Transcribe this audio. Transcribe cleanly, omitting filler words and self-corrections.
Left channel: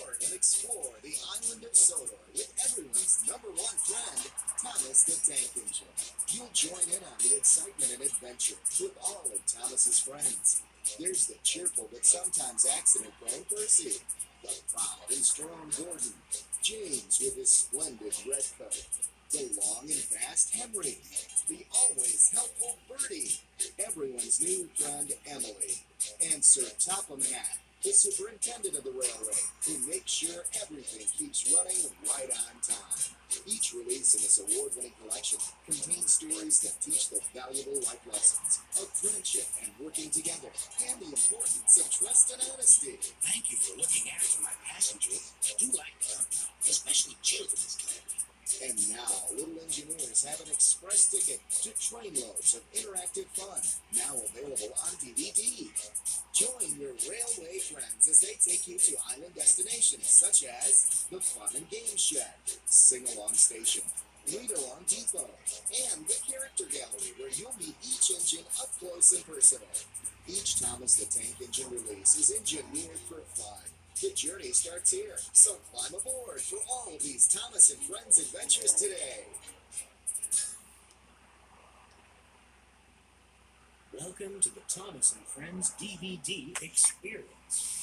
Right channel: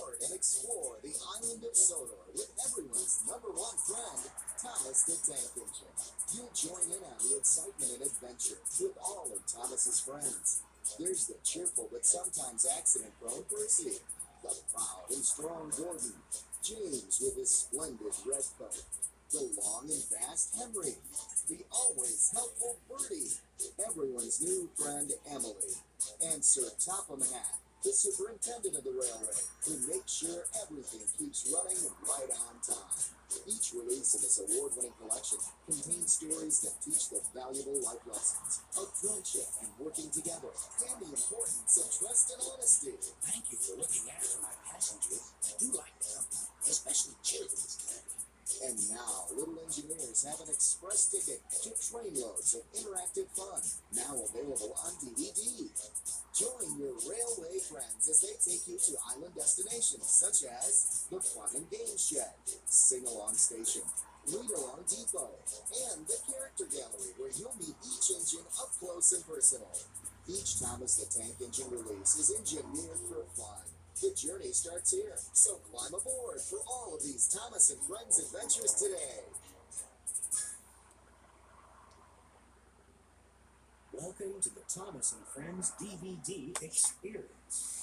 aboard and explore the island of Sodor with everyone's #1 friend, Thomas the Tank Engine. You'll join in on the excitement and adventure with all of Thomas's friends. There's the cheerful but sometimes accident-prone Percy, the proud and strong Gordon, James with his splendid red coat, the long and fast Henry, the always helpful Bertie, everyone's new friend Emily, and Sir Topham Hatt, the superintendent of the railway, who makes sure everything keeps running right on time. Each release in this award-winning collection contains stories that teach the valuable life lessons of friendship and working together, and the importance of trust and honesty. Thank you for looking after my passengers. I do like company, especially children's company. And now, Little Engineers have an express ticket to trainloads of interactive fun, now available on DVD. Join your railway friends as they take you to island destinations such as the Fun and Games Shed, Sing-Along Station, Read-Along Depot, and the Character Gallery, where you'll meet each engine up close and personal. Each Thomas the Tank Engine release is engineered for fun. The journey starts here, so climb aboard for all of these Thomas and Friends adventures today. Welcome to the Thomas and Friends DVD experience.